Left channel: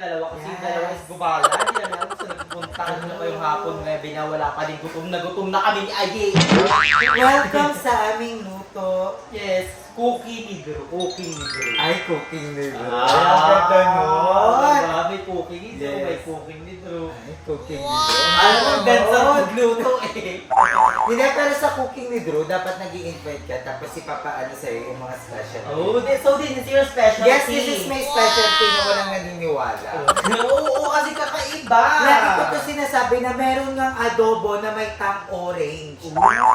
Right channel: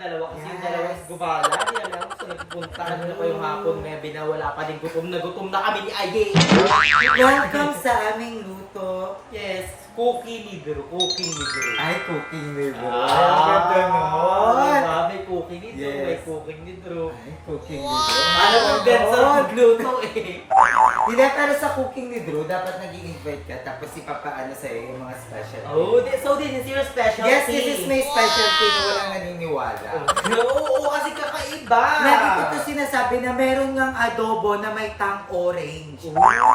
dalawa kasi yung dalawa is gumala. Hindi namin alam kung saan nagpunta. Ano pa yung hapon gabi na wala pa din gutom na kami ni Aye. Welcome sa aming luto. Yes, cookie ni Drew. Cooking ni Drew. Ay, cooking ni Drew. Ganda nun. Diba? May cooking ni Drew, Yes. may cooking ni Drew. Ay, cooking ni Drew. Alam mo, Benz ang magluto eh. Hindi, pero sa cooking ni Drew, dapat nag-i-invite ka tapos ipapaano sa'yo yung mga special. So this is your specialty. Yes, this is my specialty na walang naniniwala. Oo, kasi kakaiba. Lagi ko to sinasabi na meron ngang adobo na may tang orange.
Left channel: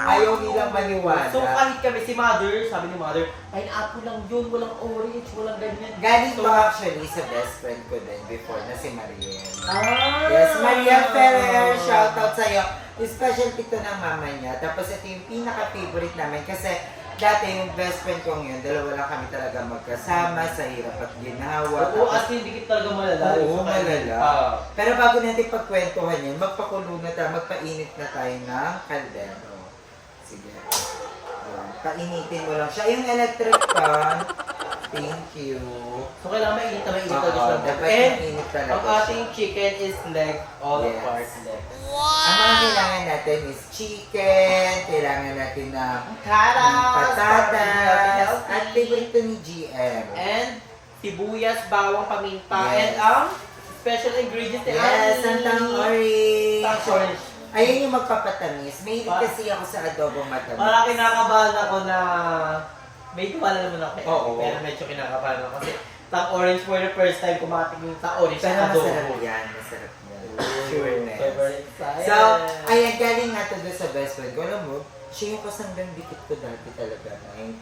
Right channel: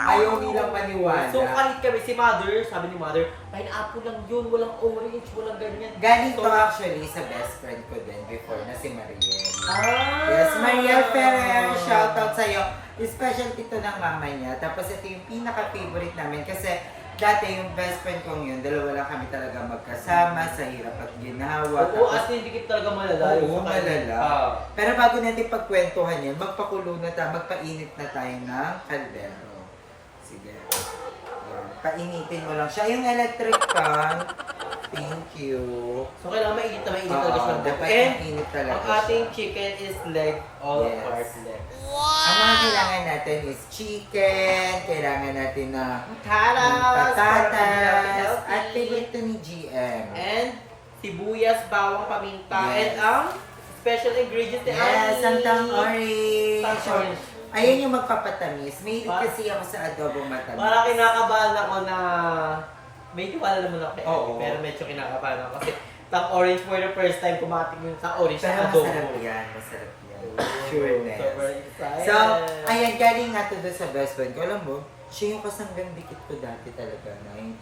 Ayaw nilang maniwala. So kahit kami, si Mother, sabi ni Mother, pineapple lang yun, walang orange, walang ganyan. Galing to actually sa best friend ko din before na si Mariel. Ah! Yes, Mariel Ferrer, shoutout sa'yo. Specialty to ng mama niya. Tapos ito yung pinaka-favorite namin kasi dati yung best friend kong yun, dalawa lang kami talaga magkasama sa hirap at ginawa. Oo, as in, dikit talaga malala. Oo, malala. Pero bago natin pagkwentuhan yun, magpakulo na tayo, magpainit na tayo ng kaldero. Sige. Yan. Painitin mo lang siya. Yung electric pan, thank you. So kailangan mainit na talaga siya. Dapat And mainit talaga ang siya. ating chicken is leg, all Yes. apart leg. Ang mga kailangan natin is chicken, kailangan natin na patatas, at favorite to ni GM. And sibuyas, bawang, paminta, Yes. and ang special ingredients ni Yes, ang tang orange. Tang orange. Ayan yung magpapatamis. Mahilig Pa- kasi ako sa adobong matamis. Parang kinakabahan ako na may tiwala naman ako kay Oo. Ate, pero medyo kinakabahan ako kasi tang orange for the first time kumating yung tang orange Pero na adobo. masarap yan, masarap yan. Sure Sure na Super yan. excited. So, ayan, galing nga to doon sa best friend ko. Alam mo, siya yung kasanggang dikit ko dati talaga.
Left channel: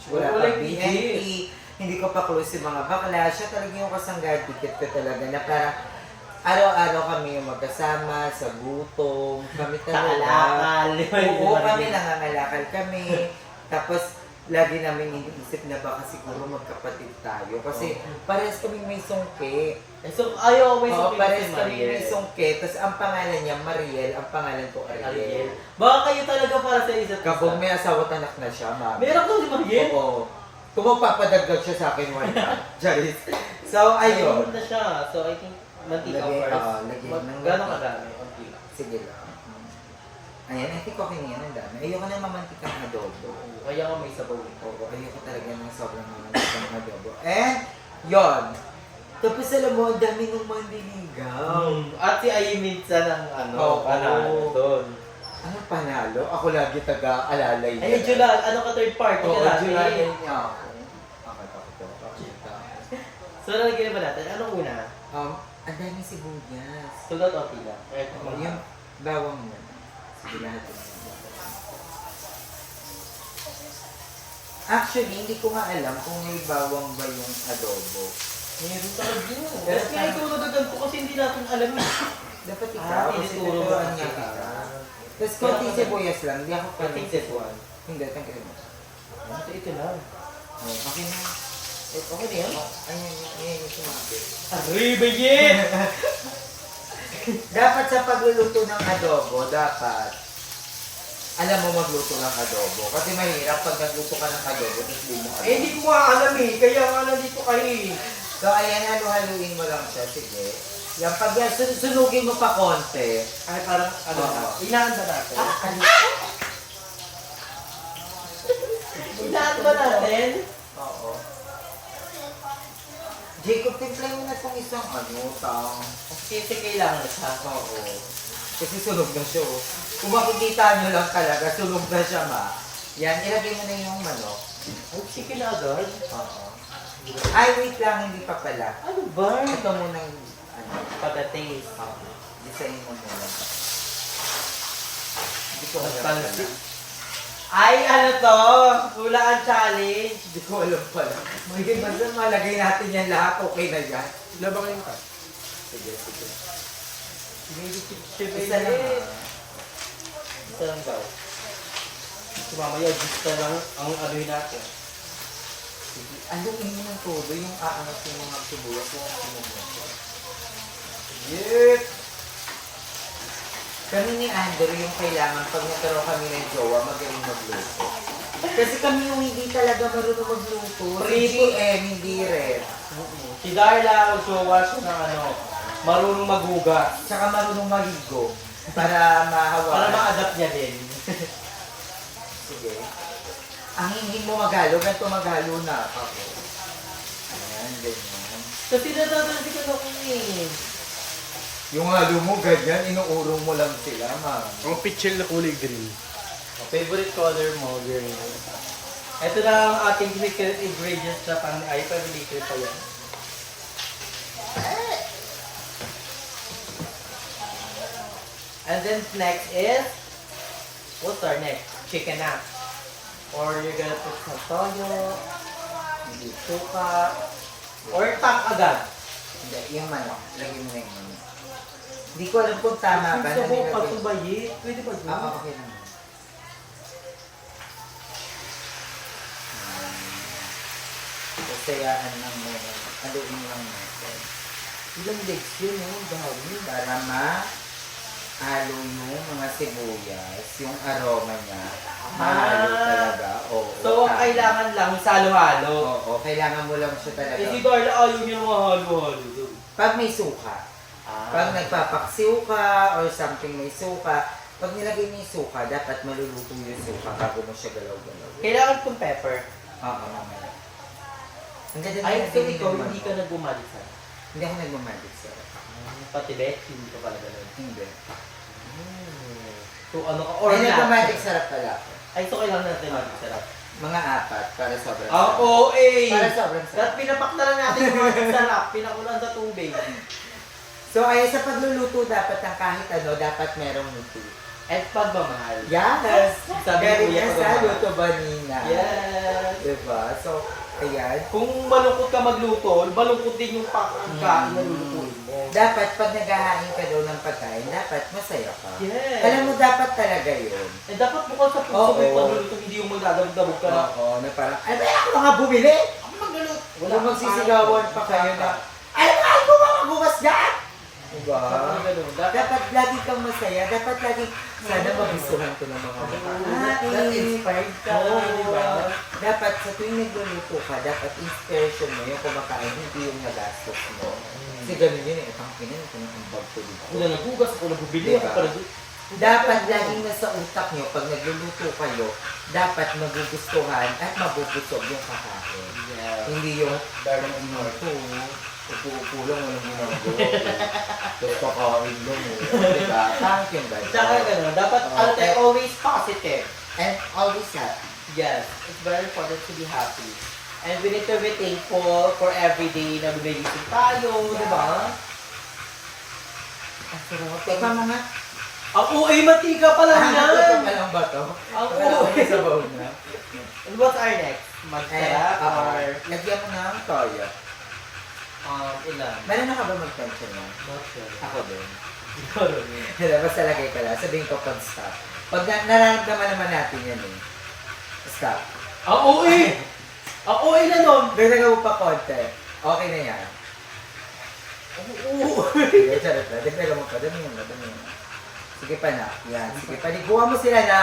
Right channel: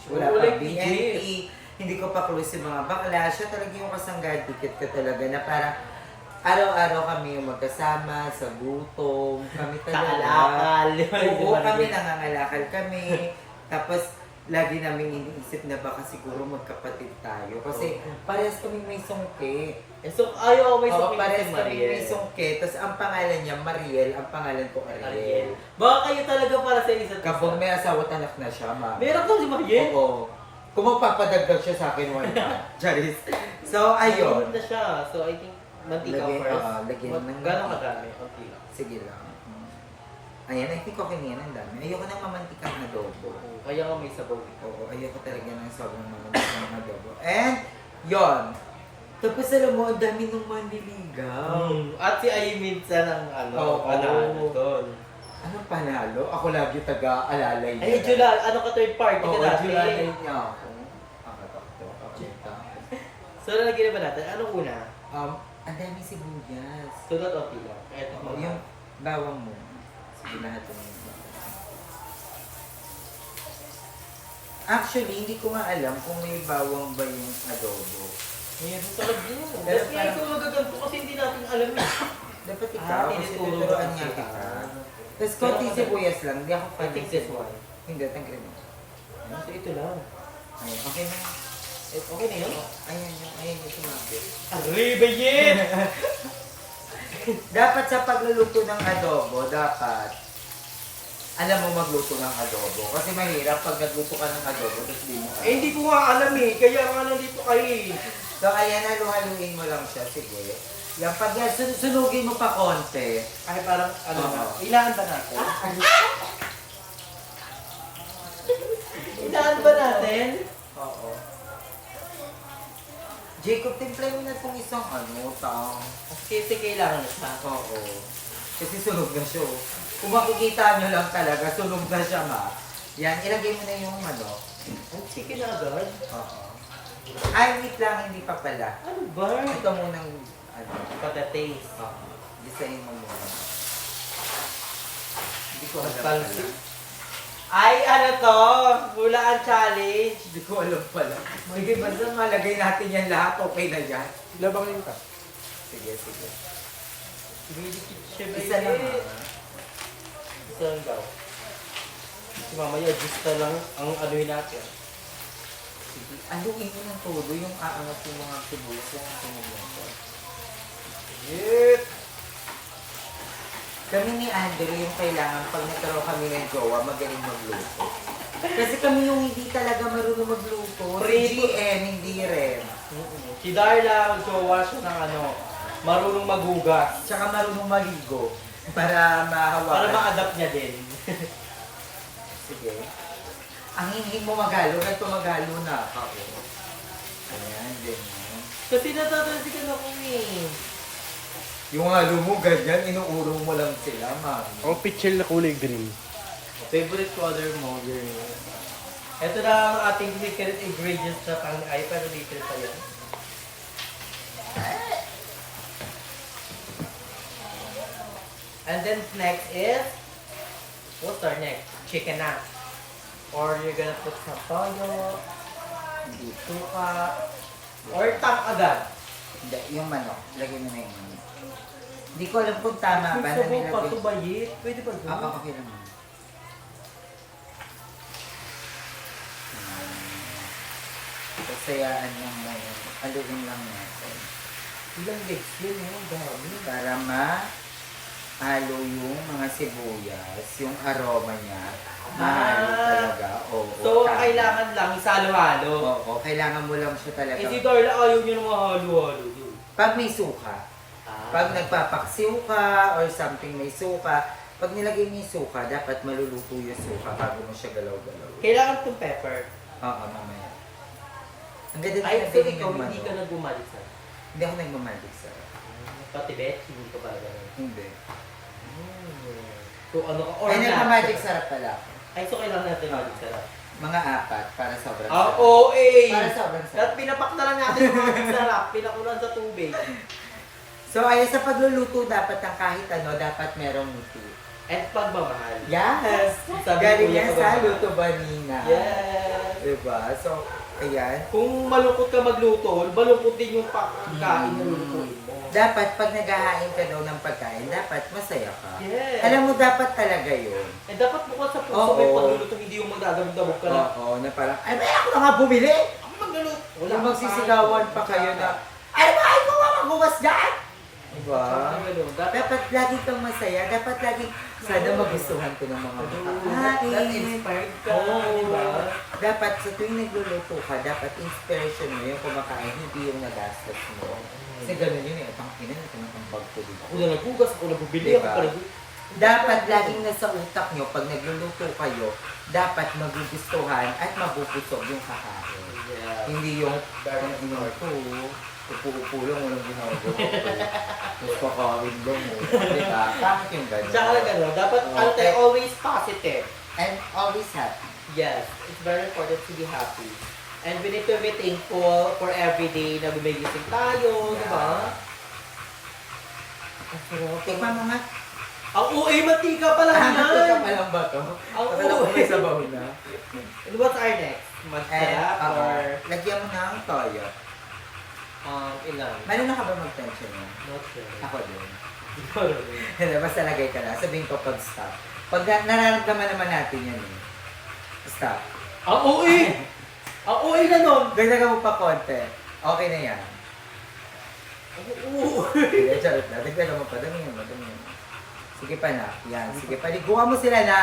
Wala Oo, pa like BNP, hindi ko pa close yung mga bakla. Siya talaga yung kasanggang dikit ko talaga na parang araw-araw kami yung magkasama sa gutom. Kami talaga. Kalakal. Oo, kami nangangalakal kami. Tapos, lagi namin iniisip na baka siguro magkapatid tayo. Kasi parehas kaming may sungke. Eh, so, ayaw may Oo, supin parehas si kaming Mariel. may sungke. Tapos ang pangalan niya Mariel, ang pangalan ko Ariel. Ariel. Baka kayo talaga para sa isa't isa. Kapag may asawa at anak na siya, ma'am. Meron ko si Mariel. Oo. Kung magpapadagdag siya sa akin one time. Charis. So, ayun. Na siya. So, I think, mantika Lagyan- first. lagyan ng Gano'ng mantika. kadami? Unti lang. Sige lang. Ayan, I think okay na yan. Ang dami. Ayoko ng mamantikang adobo. Oo, kaya nga may sabaw eh. Oo, ayoko talaga ng sobrang mamantikang adobo. And, yon. Tapos alam mo, ang dami nung mandiligaw. At si Ayi minsan ang Oo. panalo doon. Ano panalo? Ako lagi taga-alalay. Ay, Jula, ano ka third party ka Oo, dati? July niya ako. Ako. So, nalagyan ba natin? Anong una? Ang dami sibuyas. Sunod o pila? Kahit Oo, mga... yung bawang mo. Sige, lahat yung bawang. Actually, hindi ko nga alam kung may bawang ba yung adobo. Meron talaga yun. Pero Kasi kaya ito nagaganto kasi hindi natin alam eh. Dapat ikaw, kasi tinuturo tuturuan ba nga kita? kita. Tapos konti sibuyas lang, hindi ako I think this one. Hindi, tanggalin mo. Ito lang. Ay, okay na. Okay na yun? Ayan yung sumabi. Arribayin! Dapat sa pagluluto ng adobo, dapat alam mo magluto ng adobo. Kasi mahirap pag nagluto ka ng adobo, tapos di mo alam. Eh, hindi ko nga alam eh. Kaya nga nandito kayo eh. So, ayan, halu-haluin mo lang siya. Sige. Yan, pag yan, sunugin mo pa konti. Ay, parang ano Oo. na. Ilaan ba natin? Ilaan ba natin? Oo. Jacob, timplay mo na itong isang tao. Kasi kailangan na siya. Oo. Kasi sunog na siya. Kung makikita nyo lang talaga, sunog na siya, ma. Yan, ilagay mo na yung manok. Ay, sige na agad. Oo. Ay, wait lang, hindi pa pala. Ano ba? Ito muna yung, Pagka-taste. Oo. Design mo muna. Hindi ko alam Nagtalsik. pala. Ay, ano to? Hulaan challenge. Hindi ko alam pala. Sige, basta malagay natin yan lahat. Okay na yan. Labangin ka. Sige, sige. Isa Isa lang ha. Isa lang daw. Si mamaya, just na lang ang anuhin natin. Sige. Aluin mo ng todo yung aangat yung mga sibuyas kung ang sumubok ko. Yep! Kami ni Andrew yung kailangan pag nagkaroon kami ng jowa, magaling magluto. Kasi kami yung hindi talaga marunong magluto. Si Prito. GM, hindi rin. Si Darla, jowa siya ng ano, Marunong maghugas. Tsaka marunong maligo. Para Para mahawakan. ma-adapt niya din. Sige. Ang hindi mo magalo, ganito magalo na. Ayan, ganyan. Kasi natatansi ka na eh. Yung halo mo, ganyan, inuurong mo lang sila, ma'am. O, pichel na kulay green. Favorite color mo, green. Ito na ang ating secret ingredients na pang ay pero dito pa yan. And then next is, what's our next? Chicken na. Or you're gonna put some toyo, suka, or tang agad. Hindi, yung manok. Lagay mo na yung manok. Hindi ko alam kung tama ba Kung na sabaw pa nilagay. tubayit, pwede ba yun? Oo, okay lang. Sasayaan lang mo yun. Aluin lang natin. Ilang legs yun, no? Ang dami. Para mahalo yung mga sibuyas, yung aroma niya. Mahalo talaga. Oo, So, tama. kailangan lang salo-halo. Oo, kailangan mo lang siya talaga. Eh si Darla ayaw niya ng mga halo-halo doon. Pag may suka, pag nagpapaksiw ka or something may suka, pag nilagay mo yung suka, dapat maluluto yung suka bago mo siya galaw-galaw. Kailangan itong pepper. Oo, mamaya. Ang ganda Ay, din so natin ikaw, yung hindi ka manok. nagbumalik sa. Hindi ako nagmamalig sa Pati bet, hindi ka pala ganun. Hindi. So ano ka, or Ay, nagmamalig natural. sarap pala ako. Ay, so kailangan natin magic sarap. Mga apat para sobrang Ah, sarap. oo, eh! Para sobrang sarap. At pinapak na lang natin yung magic sarap. Pinakulan sa tubig. So, ayan sa pagluluto dapat ang kahit ano, dapat merong ngiti. At pagmamahal. Yes! Sabi Galing ko, yan sa pagmamahal. luto ba, Nina? Yes! Diba? So, ayan. Kung malungkot ka magluto, malungkot din yung pagkain na lulutuin mo. Dapat pag naghahain ka daw ng pagkain, dapat masaya ka. Yes! Alam mo, dapat talaga yun. Eh, dapat bukod sa puso Oo. may pagluluto, hindi yung magdadabog-dabog ka na. Oo, na parang, ay, ba ako na nga bumili? Ako magluluto. Wala magsisigawan pa kayo na, ay, ba, ay, ko magbukas dyan? Diba? Parang ganun. Dapat lagi kang masaya, dapat lagi, sana magustuhan ko ng mga That inspired ka, Oo. di ba? Dapat sa tuwing nagluluto ka, dapat inspiration mo yung kumakain, hindi yung nagastos mo. Kasi ganun yun eh, itang ina, ito yung ambag ko dito. Ako na naghugas, ako na bubili, Diba? ako pala dito. Dapat laging nasa utak nyo, pag nagluluto kayo, dapat magugustuhan at mabubusog yung kakain. Yeah. Hindi yung parang inuto, upo-upo lang yung ginagawa ko. Tapos kakain lang mo. Diba? Tangit yung gano'n. Tsaka gano'n, dapat Oo. ano tayo, always positive. And always happy. Yes, it's very important to be happy. And we need to be thankful for every day na gumigising tayo, Yeah. di ba? Ang sarap. Tikman mo nga. Ang uwi, mantika pa lang Tika yan! pa lang ba to? Ang Akala ko uwi. may sabaw na. And what's our next? Magtara or lagyan mo na ang toyo. ilan? Marunong ka ba mag-tension mo? Not sure. Ako din. Siguro. Hindi, basta lagay ka lang. Sabihin ko pag stop. Pag nararamdaman naman natin yan eh. Stop. Ang uwi! Ang uwi na nun! Dagdagan mo pa konti. Okay na yan. Oo. Sige, charot na. Dagdagan mo pa. Damihan mo, damihan mo. Sige pa na. Yan. Sige pa. Liguan mo sila na.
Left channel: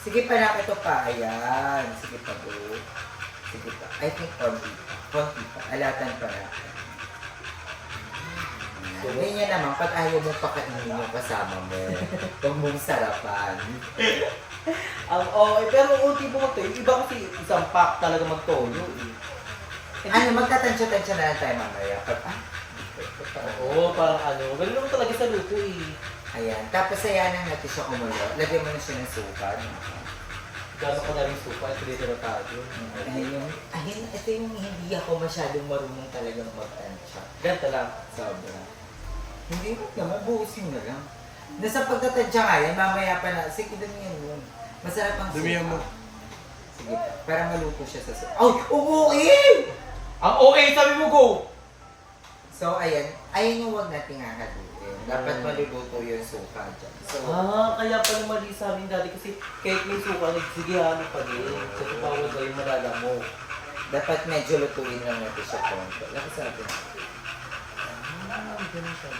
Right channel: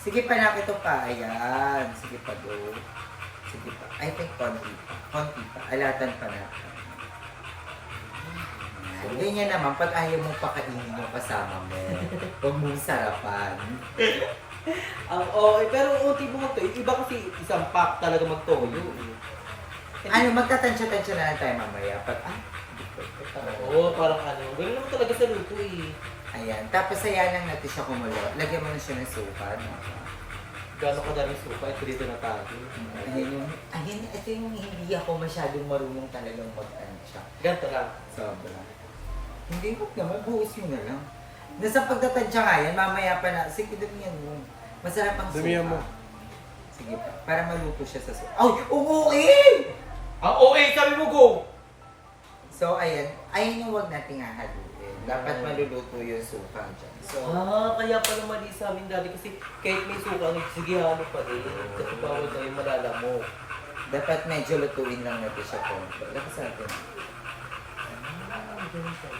Sige pa na. Ito pa. Ayan. Sige pa, go. Sige pa. I think konti pa. Konti pa. Alatan pa natin. Ayan. Ganyan naman, pag ayaw mong pakainin yung kasama mo, huwag mong sarapan. Okay, pero unti mo magtoyo. Iba kasi isang pack talaga magtoyo eh. Ano, magtatansya-tansya na lang tayo mamaya. Pag, Oo, parang ano. Ganun naman talaga sa luto eh. ayan. Tapos ayanan natin siya kumulo. Lagyan mo na siya ng suka. Gano'n kadaming supa, ito dito na tayo. Ayun, ito yung hindi ako masyadong marunong talagang magtansya. Ganito lang. Sobra. Hindi mo naman, buhos mo na lang. Nasa pagtatansya nga yan, mamaya pa na. Sige, damihan mo. Masarap ang suka. Damihan mo. Sige pa, para maluto siya sa suka. Ay, uuin! Ang OA, sabi mo go! So, ayan. Ayun yung huwag nating hahaluin. Dapat maluluto yung suka dyan. So, Kaya pala mali sa amin dati kasi kahit may suka, sige halo pa din. Kasi bawal daw yung madala mo. dapat medyo lutuin lang natin siya konti. Lakas natin. Ganun siya.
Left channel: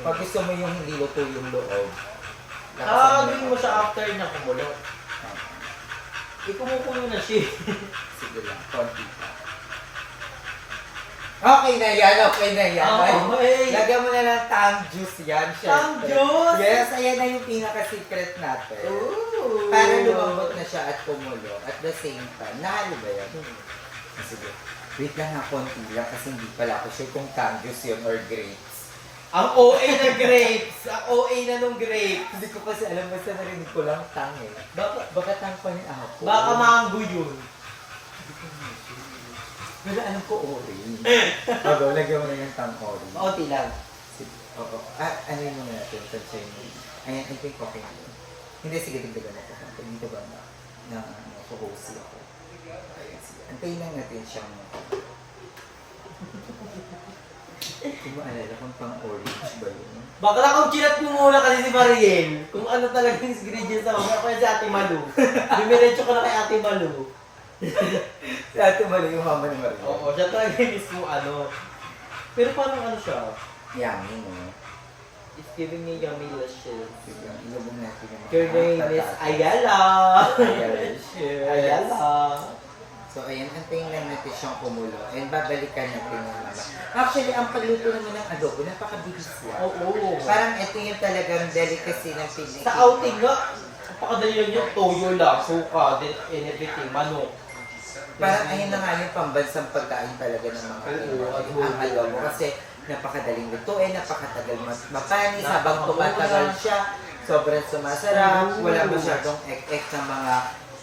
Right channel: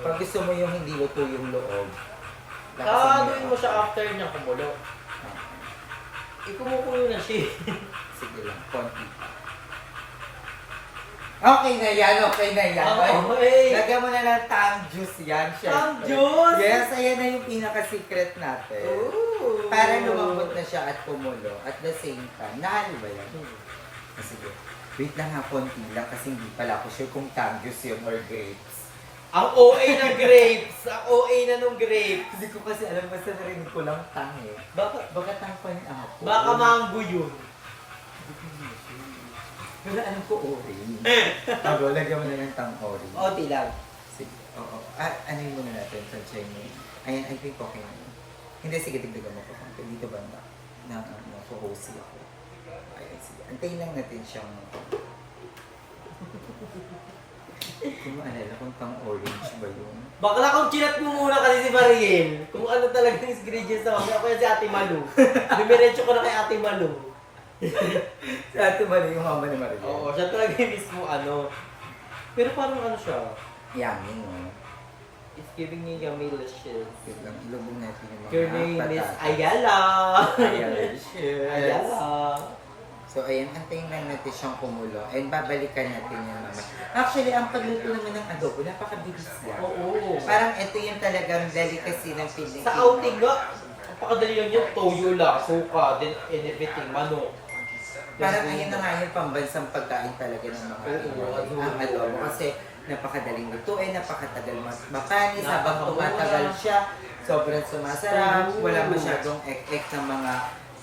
Pag gusto mo yung hindi luto yung loob. Gawin mo siya after niya kumulo. Kumukulo na siya. Sige lang, konti pa. Okay na yan, okay na yan. Okay. Lagyan mo na lang tang juice yan, Tang syempre. juice? Yes, ayan na yung pinaka-secret natin. Ooh. Para lumambot na siya at kumulo. At the same time, nahalo ba yan? Sige. Wait lang ha, konti lang kasi hindi pala ako sure kung tang juice yun or grapes. Ang OA ng grapes. Ang OA na nung grapes. Hindi ko kasi alam, basta narinig ko lang tang eh. Baka tang pa yung apple. Baka mango yun. Wala alam ko orange. Bago, lagyan mo na yung tang orange. Onti lang. Sige. Oo. Ano yung muna natin? Tansyahin mo. Ayan, I think okay na. Hindi, sige, dagdagan mo ko. Dito ba na host ako? Ayan, sige. Antayin lang natin siyang... Hindi mo alala kung pang orange ba yun? Bakla kung chinat mo muna kasi si Mariel. Kung ano talaga yung ingredients na ako. Kaya si Ate Malu. Dumiretso ko na kay Ate Malu. Si Ate Marie, yung mama ni Marie. Oo, siya talaga yung mismo ano. Pero parang ano siya? Yummy, no? It's giving me yummy lashes. Biglang ilubog natin yung mga Your name is patatas. Ayala. Ayala. Ayala. So, ayan, antayin lang natin siyang kumulo. And babalikan natin yung mama. Actually, ang pagluto naman ng adobo, napakabilis lang. Oo. Parang ito yung talagang delicacy ng Pilipino. Sa outing nga, napakadali lang yun. Toyo lang, suka, then and everything, manok. Parang ayun na nga yung pambansang pagkain talaga ng mga Pinoy. Ang adobo. Kasi napakadaling lutuin, napakatagal mapanis, habang tumatagal siya, sobrang sumasarap, wala masyadong ek-ek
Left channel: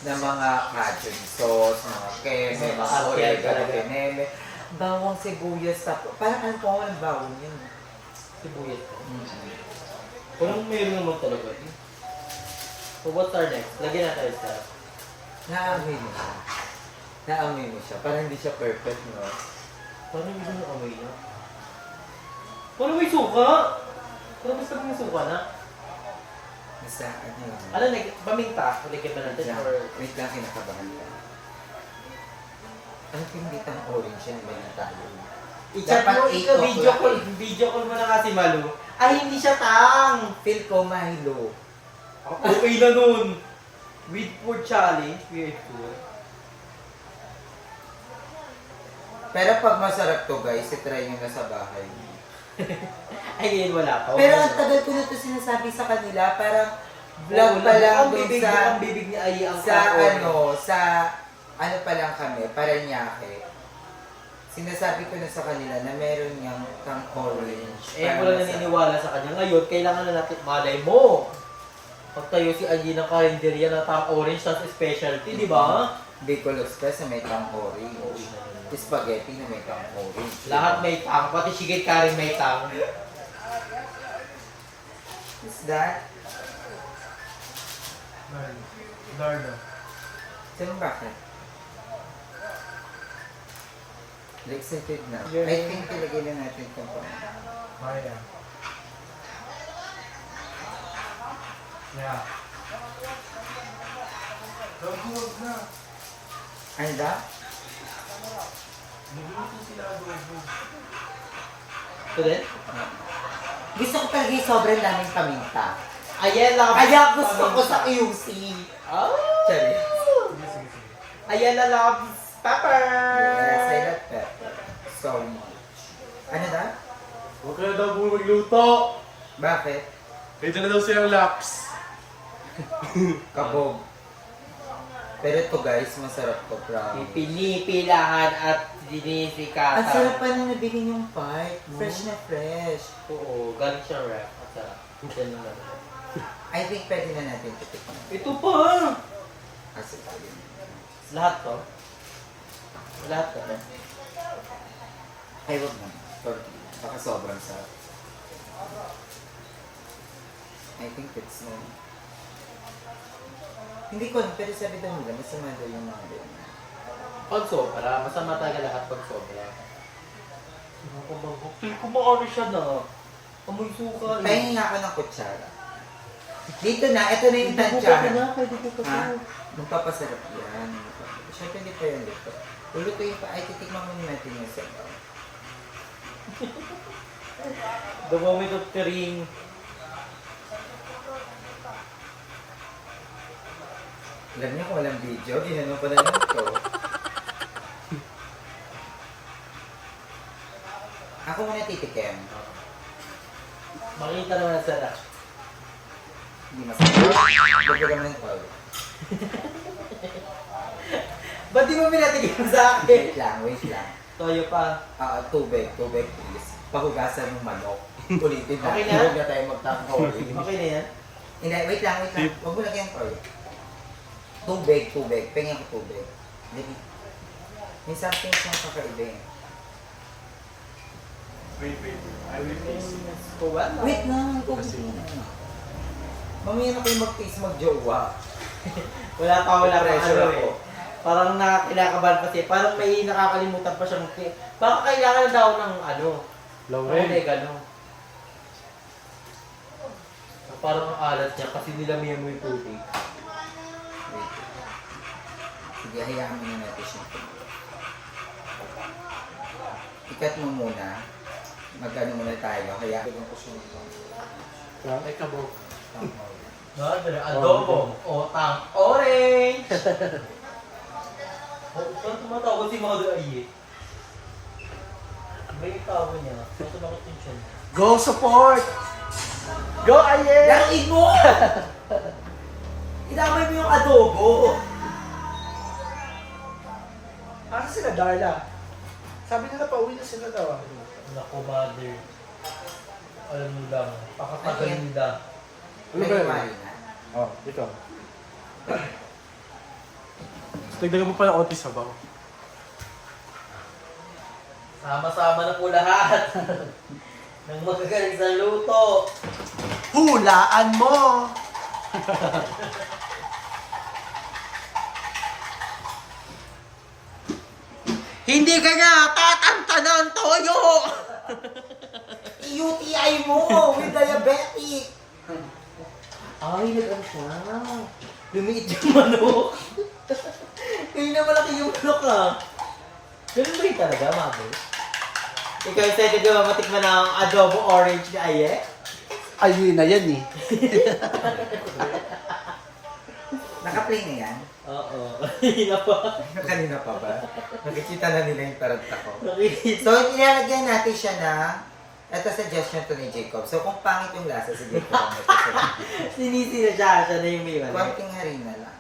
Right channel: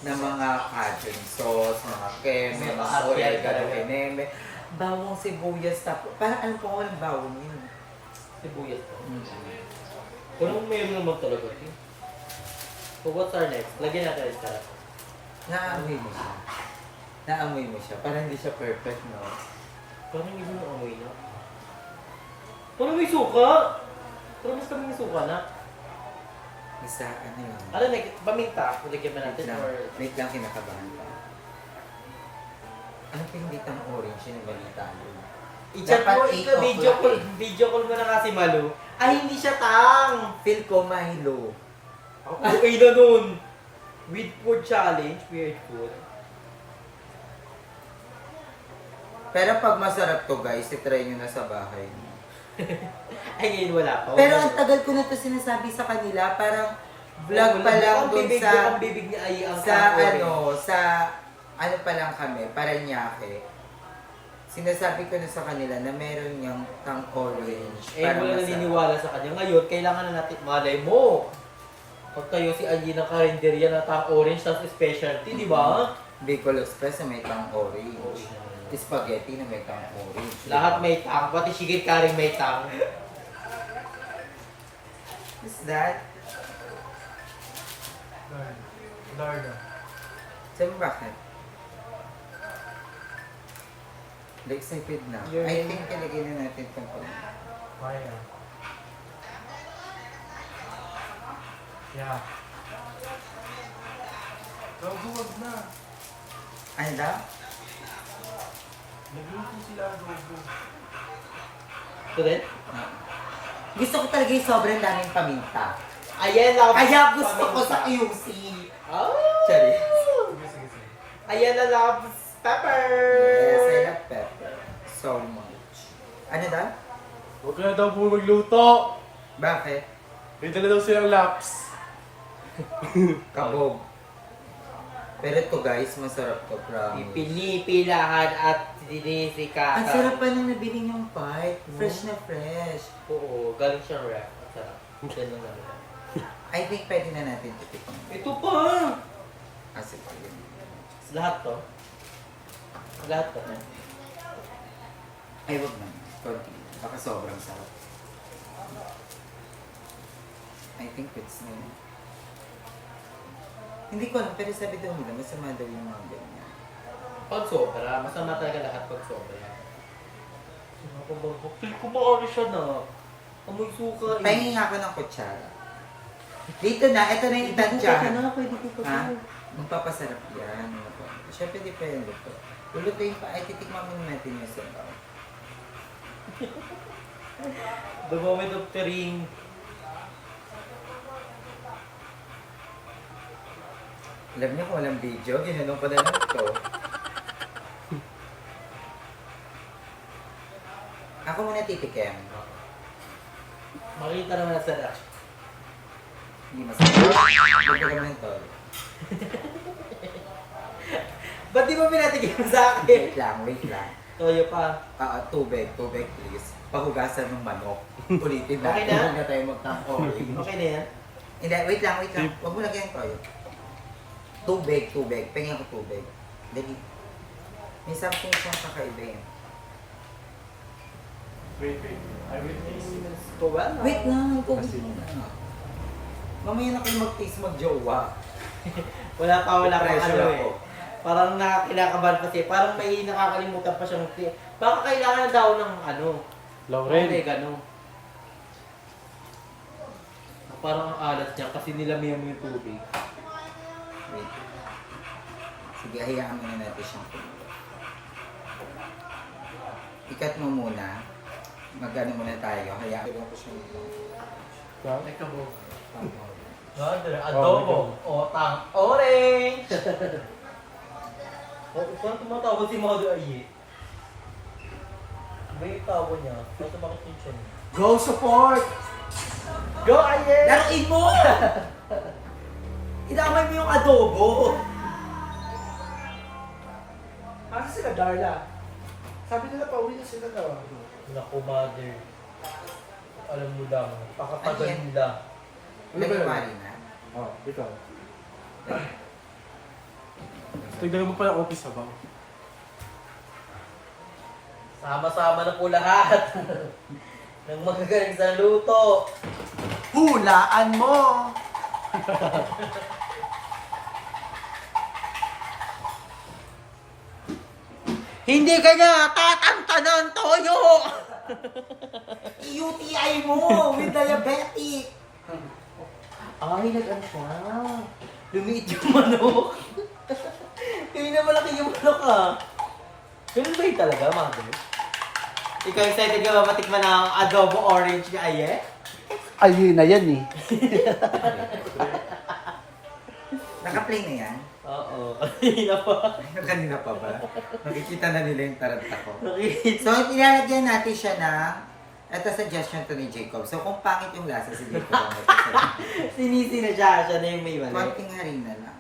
ng mga cajun sauce, mga keme, mga oregano, keneme, bawang sibuyas, parang alam ko walang bawang yun. Sibuyas ko. Parang mayroon naman talaga. So what's our next? Lagyan natin sa... Naamoy mo siya. Naamoy mo siya. Parang hindi siya perfect, no? Parang iba yung amoy niya. Parang may suka! Parang basta may suka na. Basta, ano yun? Ano, paminta? Lagyan ba natin? Or... Wait lang, kinakabahan pa. Ano yung bitang orange yun? Mali tayo. I-chat mo, Dapat ikaw, video call mo na kasi Malu. Ay, hindi siya tang! Feel ko Milo. Ako, okay na nun! With food challenge, weird food. Pero pag masarap to guys, itry nyo na sa bahay. Ay, ngayon wala pa. Pero ang tagal ko na to sinasabi sa kanila, parang vlog pa lang doon Ang bibig ni Ai ang sa tao. ano pa lang kami, Paranaque. Sinasabi ko na sa kanila na meron niyang tang orange. Eh, para wala masarap. naniniwala sa kanya. Ngayon, kailangan na natin, malay mo. Pag tayo si Ai ng karinderya na tang orange, tas specialty, di ba? Bicol Express na may tang orange. Spaghetti na may tang orange. Lahat may tang, pati shigit karing may tang. Is that? Darna. Sabi mo bakit? Excited na. You're- I think talagay na natin itong Maya. Yeah. Gagawag na. Ano daw? Magluto sila adobo. Ito din? Gusto ko talaga yung sobrang daming paminta. Ayan lang. Kaya gusto ko sa QC. Oh! Sorry. Sige, sige, sige. Ayan na loves pepper! Yes, I love pepper. So much. Ano daw? Huwag kaya daw po magluto. Bakit? Dito na daw siyang laps. Kabog. Pero ito guys, masarap to, promise. Pinipilahan at dinisikatan. Ang sarap pa na nabili yung part. Fresh na fresh. Oo, galing siyang ref. Ang sarap. Yan lang naman. I think pwede na natin titikman. Ito pa! Kasi ito yun. Lahat to? Lahat to? Ay, wag na. Sorry. Baka sobrang sarap. I think it's no. Hindi ko alam, pero sabi daw nila, masama daw yung mga ganyan. Pag sobra, masama talaga lahat pag sobra. Kumaari siya na. Amoy suka. Pahingin ako ng kutsara. Dito na, ito na yung Pwede ko tansyahan. pwede ko pa Ha? to. Magpapasarap yan. Siyempre di pa yung luto. Lulutuin pa, ay titikman muna natin yung sabaw. The moment of the ring. Alam niyo kung walang video, ginanong ko na lang ito. muna titikim. Makita naman ang sarap. Hindi masarap. Lagyan mo ng toyo. Ba't di mo pinatikim sa akin? Wait lang. Toyo pa. Tubig please. Pahugasan ng manok. Ulitin na. Okay na? Huwag na tayo magtangko. Okay na yan? Hindi, wait lang. Huwag mo lagyan ng toyo. Tubig. Pingin ko tubig. Dali. May something siyang kakaiba eh. Wait. I will taste it. Kuwan? Wait lang, tubig na. Mamaya na kayo mag-taste mag-jowa. Wala pa ano Pressure eh. ako. Parang kinakabahan pa siya. Parang may nakakalimutan pa siyang baka kailangan na daw ng Laurel. oregano. Parang ang alat niya kasi nilamihan mo yung tubig. Wait. Sige, hayaan muna natin siyang tubig. Ikat mo muna. Mag-ano muna tayo. Hayaan ko siya mag Ay, kabog. Adobo. Otang orange. Saan tumatawag si mga ay? May tawag niya. Saan tumakot din siya? Go support! Go Aye! Laruin mo! Idamay mo yung adobo. Asa sila, Darla? Sabi nila pa, uwi na sila daw. Naku, mother. Alam mo lang. Ano yan? Pakakaganda. Nagawali na. Oh, ikaw. Nagdagan mo pa ng onti sabaw. Sama-sama na po lahat. Nang magagaling sa luto. Hulaan mo! Hindi ka na tatantanan, Toyo! UTI mo with diabetic. Ay, nag-ano siya. Lumiit yung manok. Hindi na malaki yung manok ah. Ganun ba yun talaga, mother? Ikaw excited ka ba matikman na ang adobo orange ni Aye? Ayun na yan eh. Naka-play na yan? Oo, kanina pa. Kanina pa ba? Nakikita na nila yung taranta ko. Nakikita. So, nilalagyan natin siya ng ito suggestion to ni Jacob. So, kung pangit yung lasa si Jacob ang ito siya. Sinisi na siya na yung may manok. Konting harina lang.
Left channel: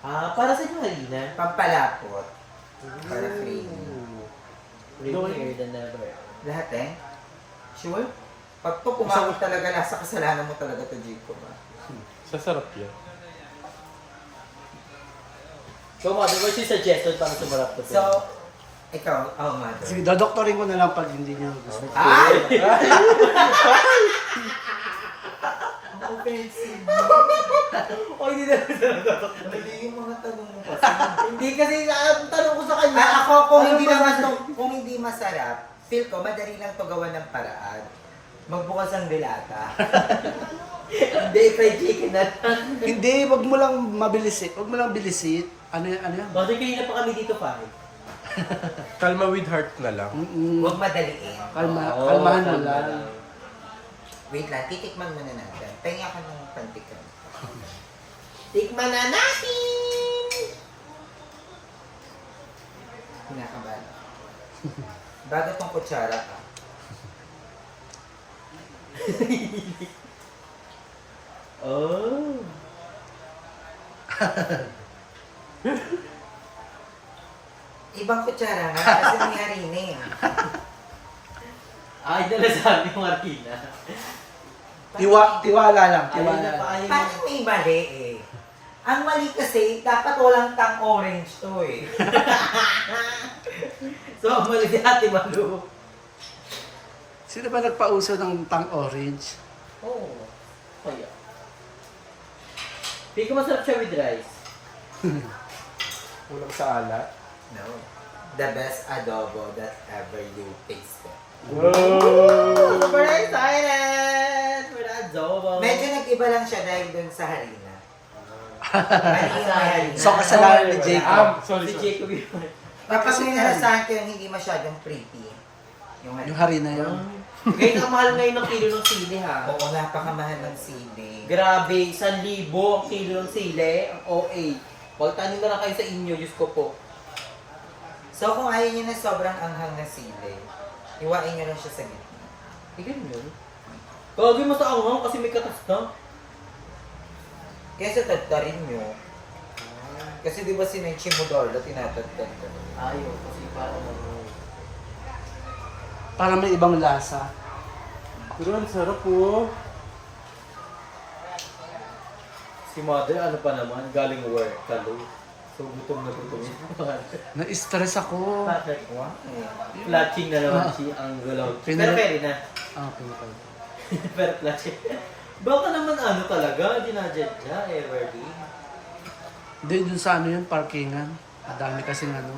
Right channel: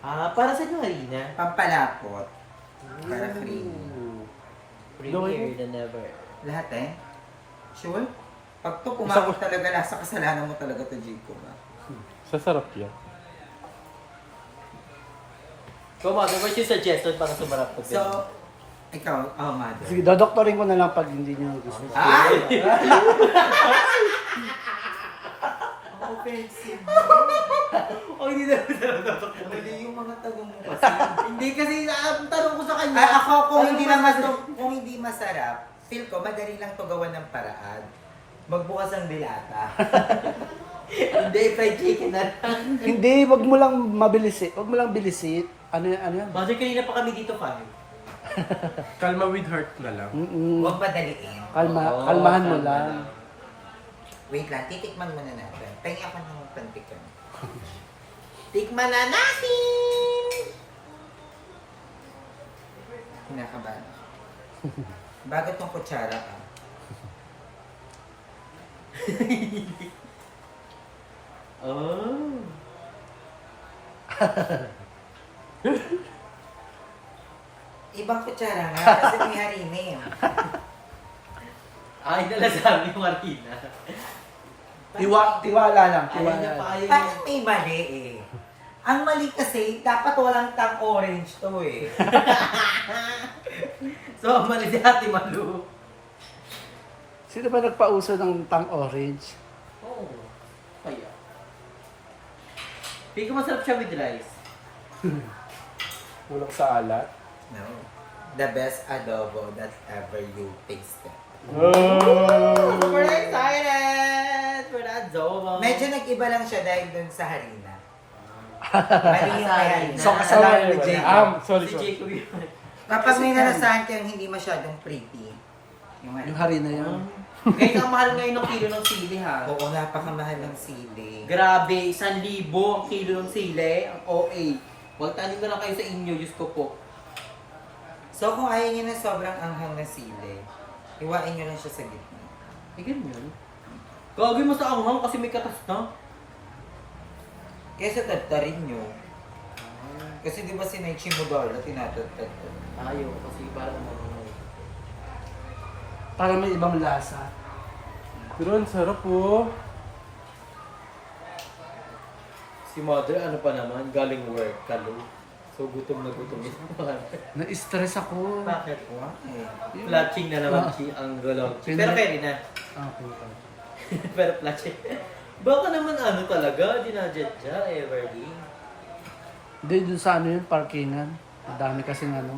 Ah, para sa yung harina? Pampalapot. Para creamy. Creamier than ever. Lahat eh? Sure? Pag to pumangit talaga lasa, kasalanan mo talaga to Jacob ah. Sasarap yan. So, mother, what's your suggestion para sumarap to? So, ikaw, oh mother. Sige, dodoktorin ko na lang pag hindi niya gusto. Ay! Ang offensive. Oh, hindi na. Hindi yung mga tanong mo kasi. Hindi kasi ang tanong ko sa kanya. Ay, ako kung Ano hindi ba naman sa- to, kung hindi masarap, feel ko madali lang to gawan ng paraan. Magbukas ang dilata. Hindi, fried chicken na lang. Hindi, wag mo lang mabilis eh. Wag mo lang bilisit. Ano yan? Bakit kanina pa kami dito, pare? Kalma with heart na lang. Huwag madaliin. Kalmahan mo kalma lang. Wait lang, titikman muna natin. Tingnan ka ng pantikan. Tikman na natin! Kinakabahan ako. Bago tong kutsara ah. Oh. Ibang kutsara nga, kasi may harina eh. Ay, dala sabi yung harina. Tiwala lang. Ayaw Tiwala niya pa, lang. ayaw niya. Parang may mali eh. Ang mali kasi, dapat walang tang orange to eh. So, mali si Ate Malu. Sino ba nagpauso ng tang orange? Oh. Kaya. Hindi ko masarap siya with rice. Muna ko sa alat. No. The best adobo that ever you tasted. Super excited for the adobo. Medyo nag-iba lang siya dahil dun sa harina. Mali yung may harina. So, kasalanan ni Jacob. Sorry. Si Jacob yun. Kapag may narasahan ko yung hindi masyadong pretty, yung Yung harina. harina yun. Ngayon ang mahal ngayon ng kilo ng sili ha. Oo, napakamahal ng sili. Grabe, 1,000 ang kilo ng sili. Ang OA. Magtanim na lang kayo sa inyo, Diyos ko po. So kung ayaw niyo na sobrang anghang na sili, iwain niyo lang siya sa gitna. Eh, ganyan. Gagawin mo sa anghang kasi may katas na. Kaya sa tadtarin nyo. Kasi di ba si Naichi mo Darla, tinatadtad ko. Ayaw, kasi parang Para may ibang lasa. Pero ang sarap po. Si mother, ano pa naman, galing work, kalo. So, gutom na gutom yun. Na-stress ako. Bakit? Why? Platching na naman Ah. si ang gulaw. Pinala- Pero pwede na. Okay pa. Pero platching. Baka naman ano talaga, dinadjadja, Everly. Hindi, dun sa ano yun, parkingan. Madami kasing ano.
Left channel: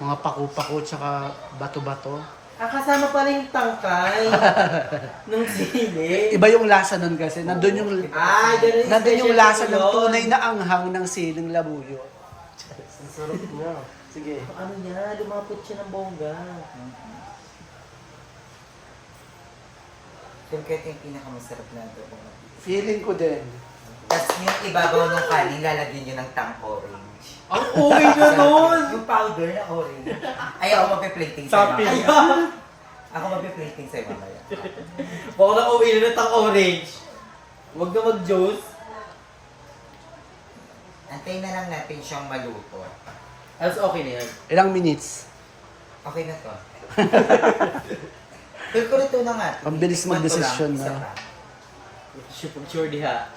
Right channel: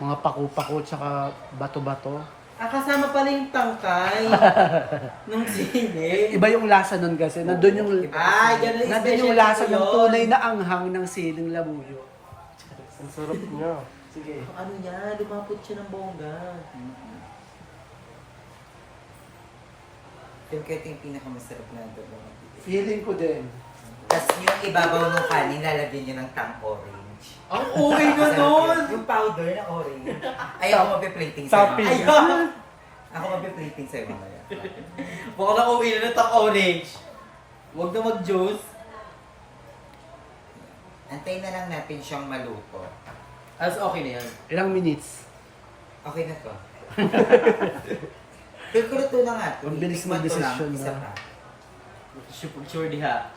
Mga paku-paku tsaka bato-bato. Ah, kasama pala yung tangkay ng sili. Iba yung lasa nun kasi. Nandun yung, Ay, ganun nandun yung special lasa po ng yun. tunay na anghang ng siling labuyo. Ang sarap niya. Sige. Ano niya, lumapot siya ng bongga. Feel ko ito yung pinakamasarap na adobo. Feeling ko din. Tapos yung ibabaw ng kanin, lalagyan nyo ng tang orange. Ang okay na nun! Yung powder na orange. Ay, ako mapiplating sa'yo Sabi mamaya. niya. Ako mapiplating sa'yo mamaya. Baka na uwi na ng orange. Huwag na mag-juice. Antayin na lang natin siyang maluto. As okay na yan. Ilang minutes? Okay na to. Feel ko ito na nga. Ang bilis Tikman ko lang, magdesisyon isa na. pa. Sure diha.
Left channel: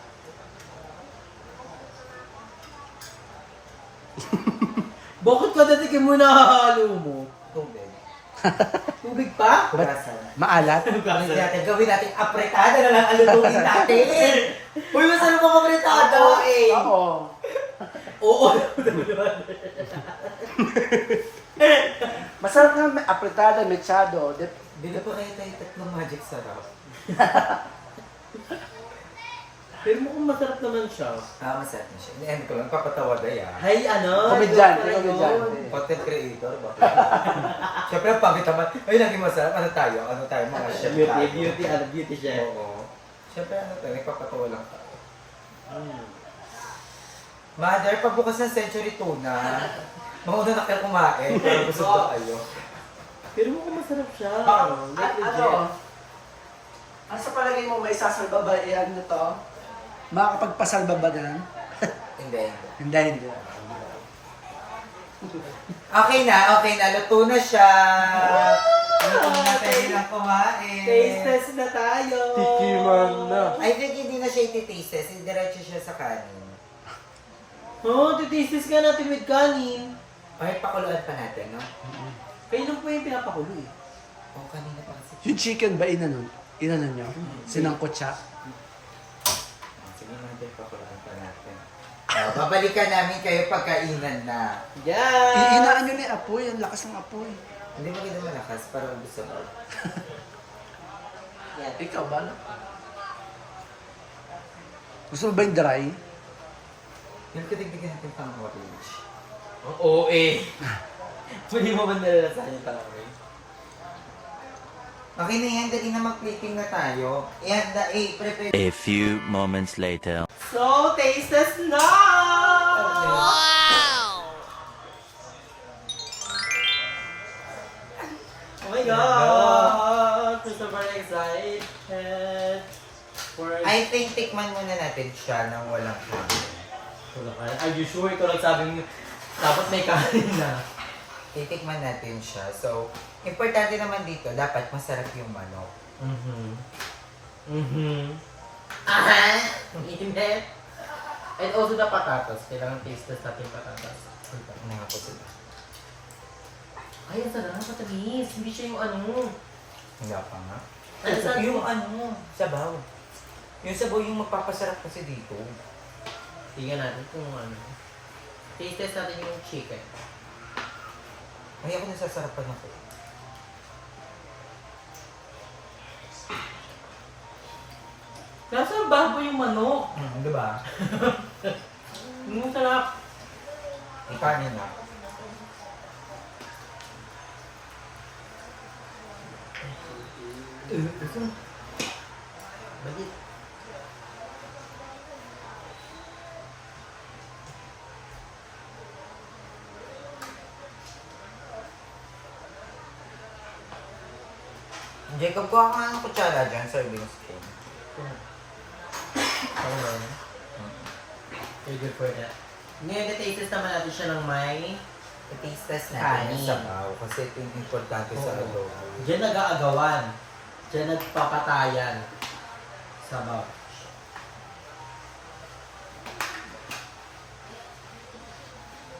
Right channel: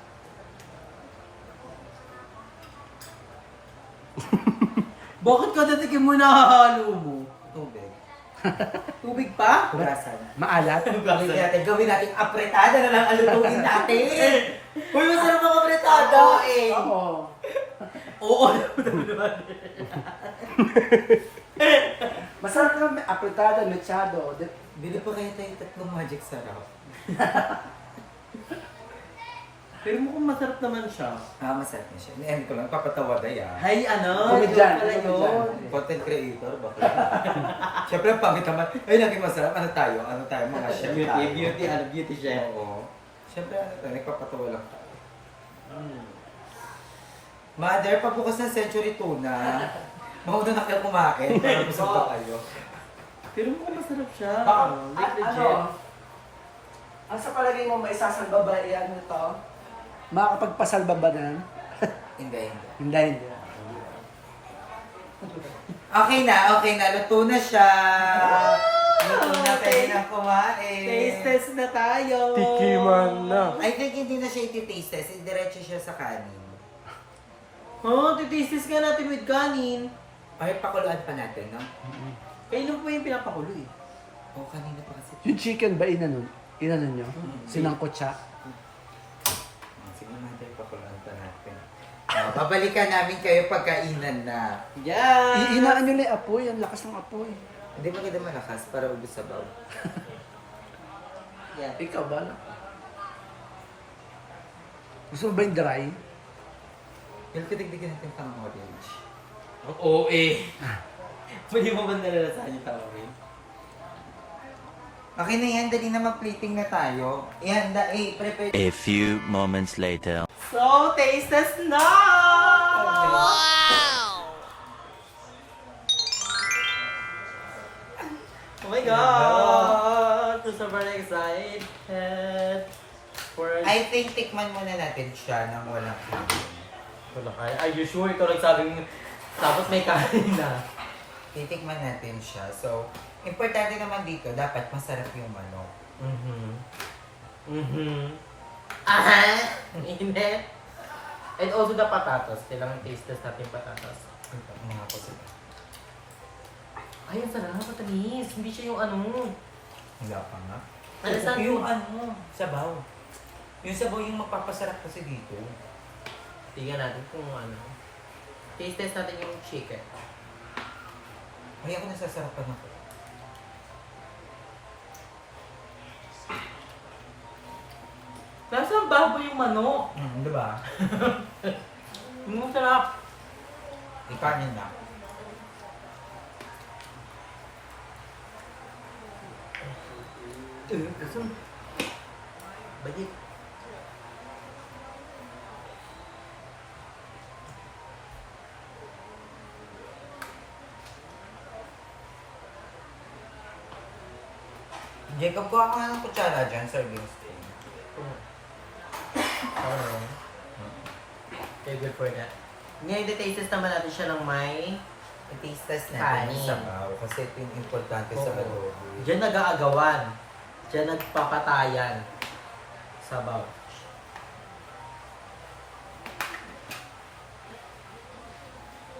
Bakit ka datikin mo nahahalo mo? Tubig. Tubig pa? Hugasan. Maalat? Gawin natin apretada na lang ang lutuin natin. Uy, masarap ang apretada eh. Oo. Oo. Masarap na apretada, mechado. Bili pa kayo tayong tatlong magic sarap. Pero mukhang masarap naman siya. Ah, masarap na siya. Ini-end ko lang, papatawa na yan. Hay, ano? Komedyan, Joke lang yun. Content creator, bakit? Siyempre, ang pangit naman. Ay, naging masarap. Ano tayo? Ano tayo? Mga chef Beauty, tayo. beauty, ano, beauty chef. Oo. Siyempre, ano tayo? Nagpapatawa lang tayo. Mm. Mother, pagbukas ng Century Tuna, mauna na kayo kumain, pero busog pa kayo. Pero mukhang masarap siya. Like legit. Ano? Ano sa palagay mo may sasalbaba yan nito? Makakapagpasalba ba na? Hindi. Hindi. Okay na. Luto na siya. Luto na, pwede nang kumain. Taste test na tayo. na. I think hindi na siya iti-taste test. Diretso siya sa kanin. Oh, titaste ka natin with kanin. Ay, pakuluan pa natin, no? Kailan po yung pinapakulo eh? Oo, kanina pa kasi. Yung chicken ba inanon? Inanon nyo? Sinangkot siya? Sige, mother, pakuluan pa natin. Babalikan namin kayo pagkainan na. Yes! Inaano nila yung apoy, ang lakas ng apoy. Hindi ba kita malakas para ubus sa bawal? Yan. Ikaw ba? Gusto mo ba yung dry? Yung kitigdigin natin pang orange. Oo eh. Pwede mo ba nalalasahan yung tao eh? Okay na yan, dali na mag-plating na tayo. Ihanda, prepare. A few moments later. So, taste test na! Oh my God! I'm so very excited for I think tikman muna natin siya nang walang kanin. ito na kayo. Are you sure? Ito lang sabi mo. Dapat may kanin na. Titikman natin siya. So, importante naman dito, dapat masarap yung manok. Aha! Init! And also the patatas. Kailangan taste test natin yung patatas. Ano nga po sila? Ay, ang sarap. Matamis. Hindi siya yung ano. Wala pa nga. Ano sa Yung sabaw. Yung sabaw yung magpapasarap kasi dito. Tingnan natin kung ano. Taste test natin yung chicken. Ay, ako nasasarapan ako. Nasa ang baboy yung manok. Diba? Ang sarap. Ikanin na. Kasi bagit. Hindi, Jacob, kuha ka nga ng kutsara dyan, serving spoon. Okay. Okay, good for that. Ngayon, details naman natin siya ng may I-taste test natin yung Kanin. sabaw kasi ito yung importante sa Oo. adobo. Diyan nag-aagawan. Diyan nagpapatayan. Sabaw.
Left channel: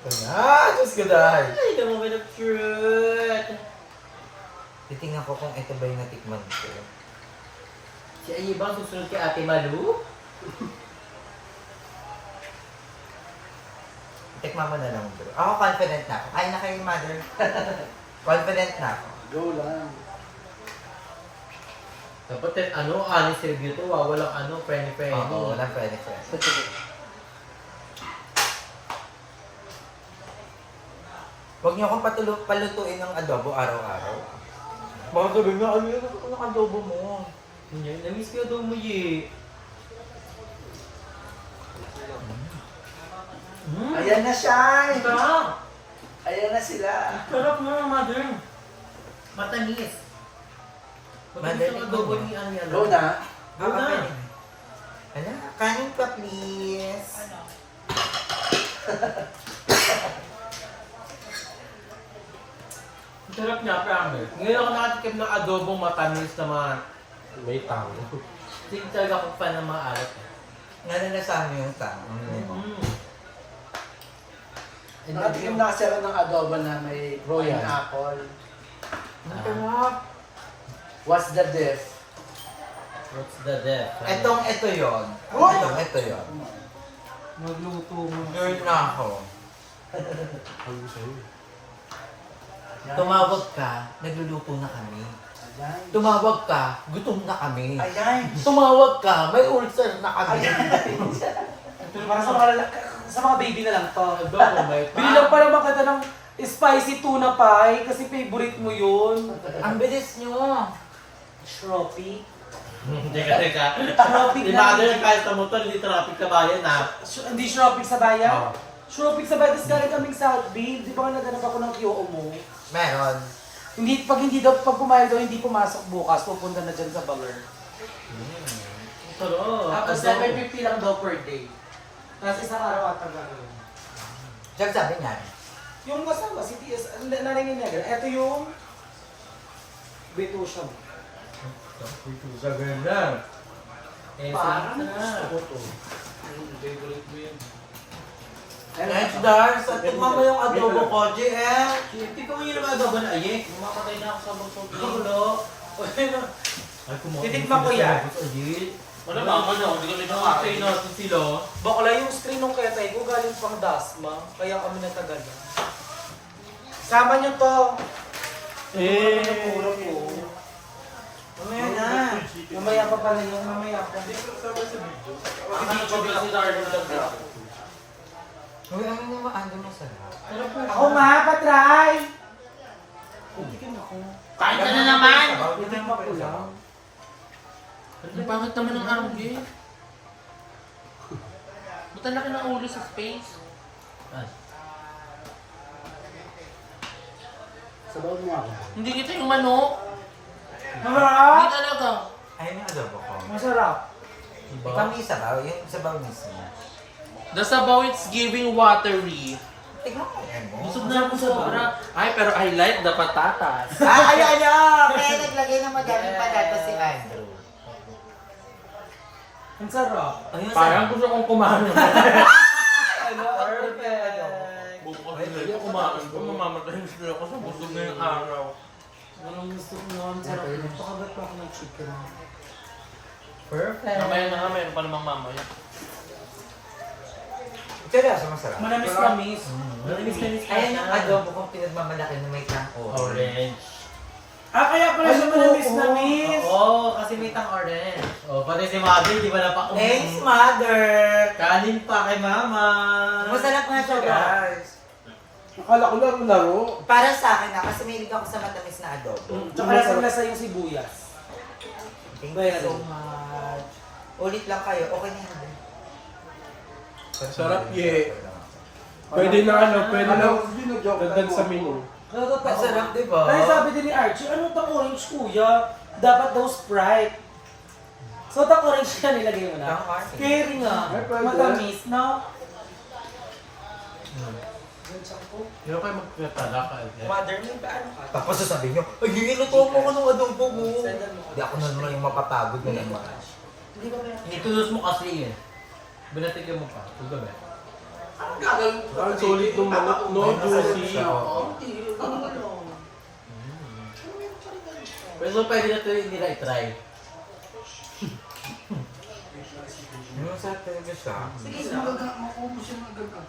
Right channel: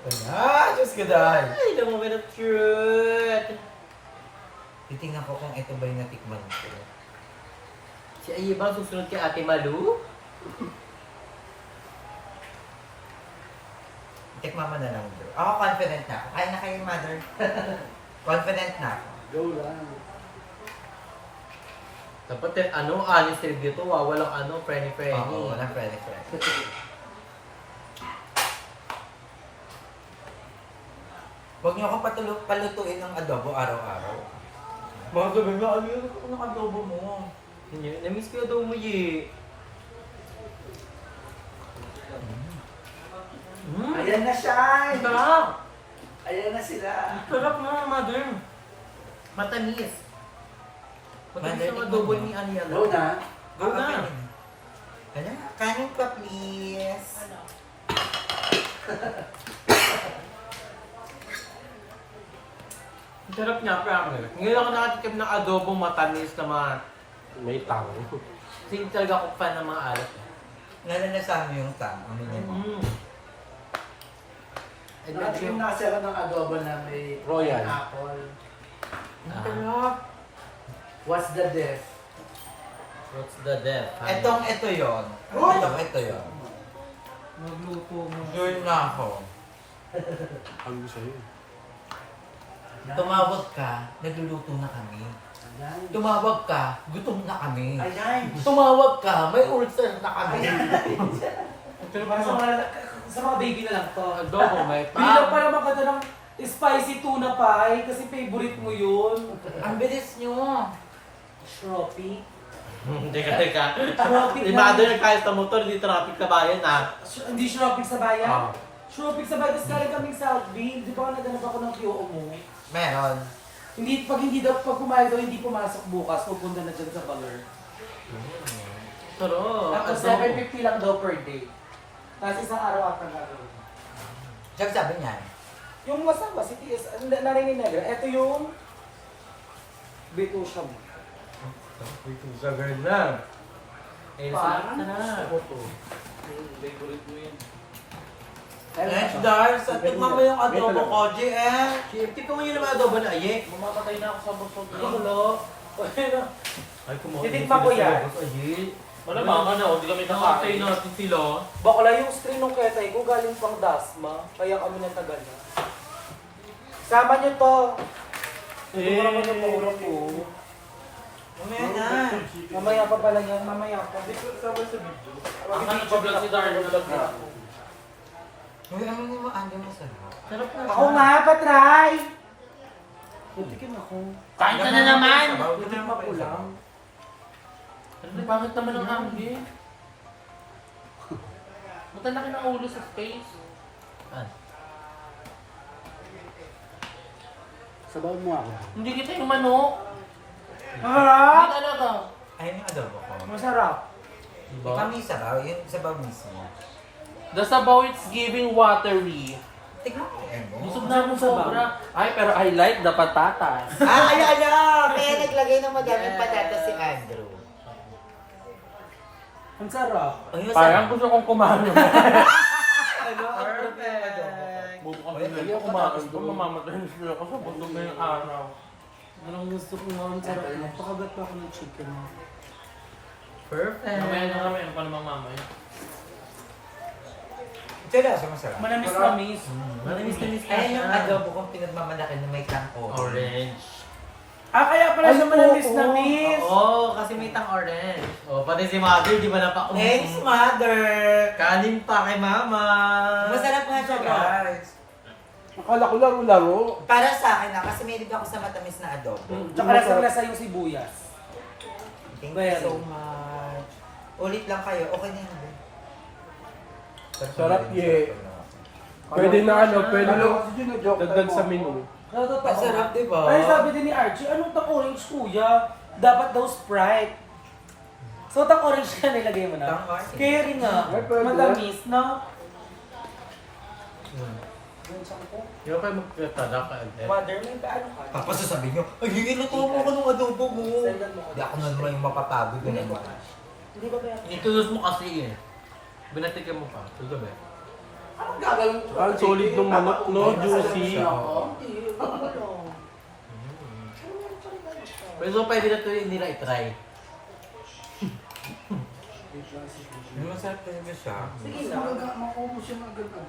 Ito na! Diyos ka dahil! Ay, the moment of truth! Titingnan ko kung ito ba yung natikman ko. Si Ayibang susunod kay Ate Malu? Tikman mo na lang, bro. Ako confident na ako. Kaya na kayo, mother. Confident na ako. Go lang. Dapat honest review to. Walang friendly. Oo, walang pwede. Huwag niyo akong palutuin ng adobo araw-araw. Baka sabihin nga, ano yung adobo mo? Hindi, na-miss ko daw mo ye. Ayan na siya! Sarap! Ayan na sila! Sarap mo, mother. Matamis. Matamis ang adobo ni Ariana. Go na. Go na. Hala, kanin pa please. Ang sarap niya, promise. Ngayon ako nakatikim ng adobo matamis naman. May tao. Hindi talaga ako fan ng mga alat. Nalalasahan mo yung tang. Ang minimum. And Nakatikim na kasi ako ng adobo na may Royal. apple. Ang sarap. What's the diff? What's the death? Ito yon. Ito yon. Nagluto mo. Girl na ako. Ano sa'yo? Tumawag ka, nagluluto na kami. Ayan. Tumawag ka, gutom na kami. Ayan! Tumawag ka, may ulcer na kami. Sa mga baby na lang to. Adobo may Bigla para makita ng spicy tuna pie kasi favorite mo yun. Ang bilis nyo. Shroppy. Teka. Traffic Di ba yung kahit sa motor, hindi traffic na bayan ha? Hindi shroppy sa bayan. Oo. Shroppy sa bayan. Tapos galing kaming Southville. Di ba ka naganap ako ng QO mo? Meron. Pag kumain daw, hindi pumasok bukas. Pupunta na dyan sa Baler. Sarap. Tapos Adobo. 750 lang daw per day. Tapos isang araw ata gagawin. Diyan sabi niyan. Yung masawa, si TS, naringin niya. Ito yung Beto siya. Ito sa girl na. Eh, Parang sarap. Next, Dars, tikman mo yung adobo koji eh. Tingnan mo yun ang adobo na aye. Bumakatay na ako sa busog. Hello. Ay, kumain. Titikman ko yan. Wala mama na, hindi kami nakakatay natin sila. Bakla yung screen ng ketay ko galing pang Dasma. Kaya kami natagal na. Sama niyo to. Pagulong ko. Mamaya na. Mamaya pa pala yan. Mamaya pa. Ano ko ba si Darwin na lang? Uy, ano yung maando masarap? Sarap na. Ako nga, patry! Putikin ako. Kain ka na naman! Putik ko lang. Ang pangit naman ng anggi. Ba't ang laki ng ulo sa space? Sabaw mo ako. Hindi kita yung manok. Hindi Masarap! talaga. Ayun yung adobo ko. Masarap. Diba? Ikaw yung sabaw, yung sabaw mismo. The sabaw it's giving watery. Tignan mo mo. Busog na ako sobra. Ay, pero I like the patatas. Ayan! Kaya naglagay ng madaming patatas si Andrew. Ang sarap. Ayun, Parang sarap. gusto kong kumain. Ano? Perfect. Bukas na yung kumain ko, mamamatay na sila ako sa busog na yung araw. Anong gusto ko naman sarap. Napakagat pa ako ng chicken. Perfect. Mamaya na kami, ano pa namang mama yun? Ito na, sa masarap. Manamis-namis. Manamis-namis ka Ayan yung siya. adobo kong pinagmamalaki na may tang-orange. Orange. Kaya pala siya manamis-namis. Oo, kasi may tang orange. Oh, pati si mother, di ba napak... Thanks, mother! Kanin pa kay mama. Masarap nga siya, guys. Akala ko laro-laro. Para sa akin kasi mahilig ako sa matamis na adobo. Tsaka lasang-lasa yung sibuyas. Thank you so much. Ulit lang kayo. Okay na hindi. Sarap, ye. Pwede na pwede na dagdag sa menu. Totoo. Masarap, di ba? Ay, sabi din ni Archie, anong tang orange kuya? Dapat daw Sprite. So, the orange na nilagay mo na. Tama. Scary nga. Matamis, no? Yun siya po. Hindi pa kayo magkatala ka agad. Mother, may paano ka? Tapos sasabihin nyo, ay, gigiluto mo ako ng adobo mo. Hindi ako na naman yung mapapagod na naman. Hindi ba kaya? Introduce mo kasi eh. Binatikin mo pa. Huwag ba? Ang solid ng manok, no? Juicy. Pero so pwede na ito nila i-try. Masarap talaga siya. Sige na.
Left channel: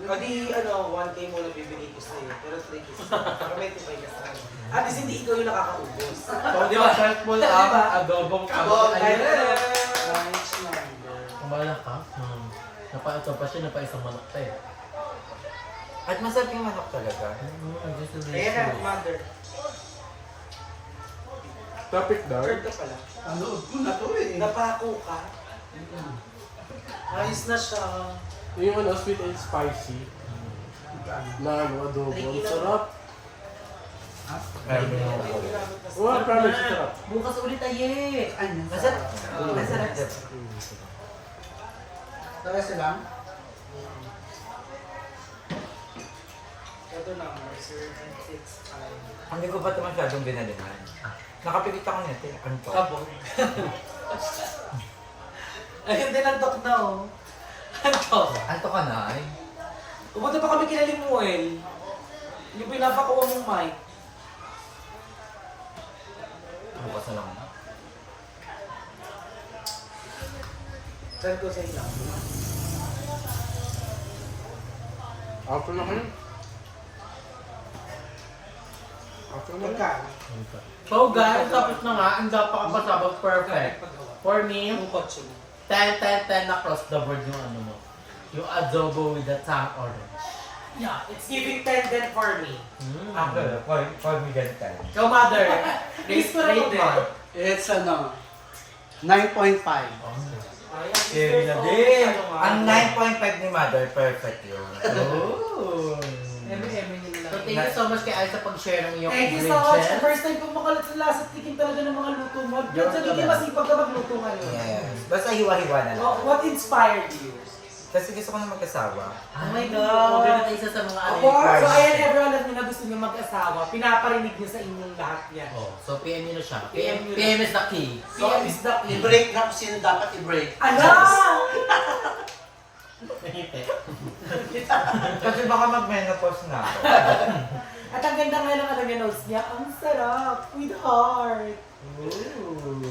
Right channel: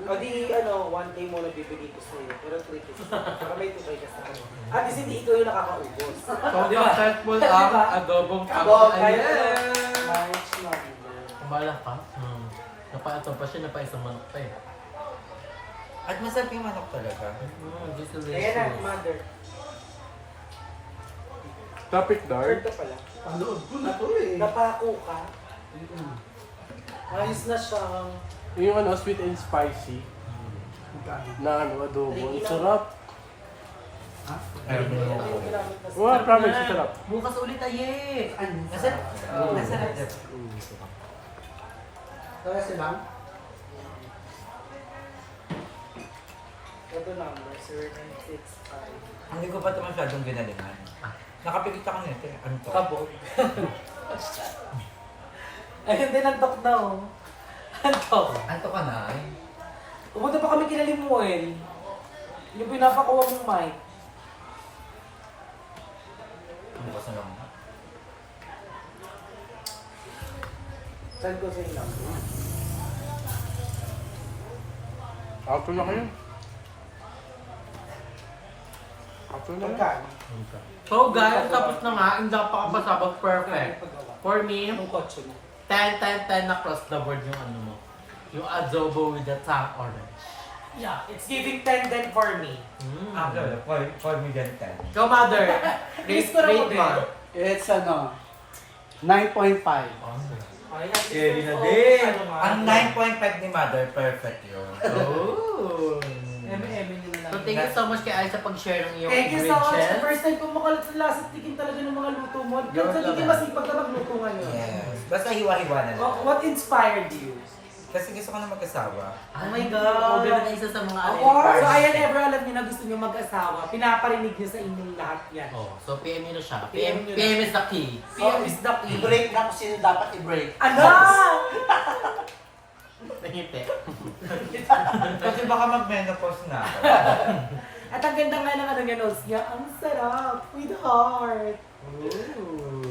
O di, 1K mo na bibigay ko sa'yo. Pero 3K sa'yo. Para may tibay ka sa ano. At least hindi ikaw yung nakakaubos. So, successful ang adobong Abong Ayan! Nice one. Kumala ka? Napaito pa siya, napaisang manok pa eh. At masarap yung manok talaga. This is Ayan na, mother. Kapit Third ka pala. Ano? Na to eh. Napako ka. Ayos na siya. Yung sweet and spicy. Na adobo. Ang sarap. Ay, manok. Wow, promise, ang sarap. Bukas ulit tayo eh! Masarap. Masarap. Tara sila. Ito na, 0965. Hindi ko pa ito masyadong binalingan. Nakapilit ako nito. Ano to? Kabog. Ayun din ang tok na oh. Ano to? Ano to ka na ay? Pumunta pa kami kina Limuel. Yung pinapakuha mong mic. Bukas na lang. Saan ko sa inyo? Ako lang yun. Ako lang. Magkano? So guys, tapos na nga, ang napakapasabag perfect. For me, Yung kotse mo. 10, 10, 10 across the board yung ano mo. Yung adobo with the tang orange. Yeah, it's giving 10 then for me. Ako, for me dyan tayo. So mother, Please ko rate rin. mo. It's 9.5. Ayan, Scary na oh, din. ano nga. Ang 9.5 ni Mother, perfect yun. Oh. M&M nyo na lang. So thank you so much kay Ay sa pag-share ng iyong Thank you so much. ingredients. First time ko makalat sa lasa tikim talaga ng mga luto mo. Yung Kasi hindi laban. masipag na magluto ngayon. Yes. Basta hiwa-hiwa na lang. What inspired you? Kasi gusto ko na mag-asawa. Oh my God. Ube na isa sa mga ano. Oh, so ayan, ever alam niyo na gusto niyo mag-asawa, pinaparinig niyo sa inyong lahat yan. Oh, so PM nyo na siya. PM nyo na. PM is the key. PM is the key. I-break na kung sino dapat i-break. Ala! Nangiti. Kasi baka mag-menopause na ako. At ang ganda nga ng ano niya, nose niya, ang sarap, with heart. Ooh.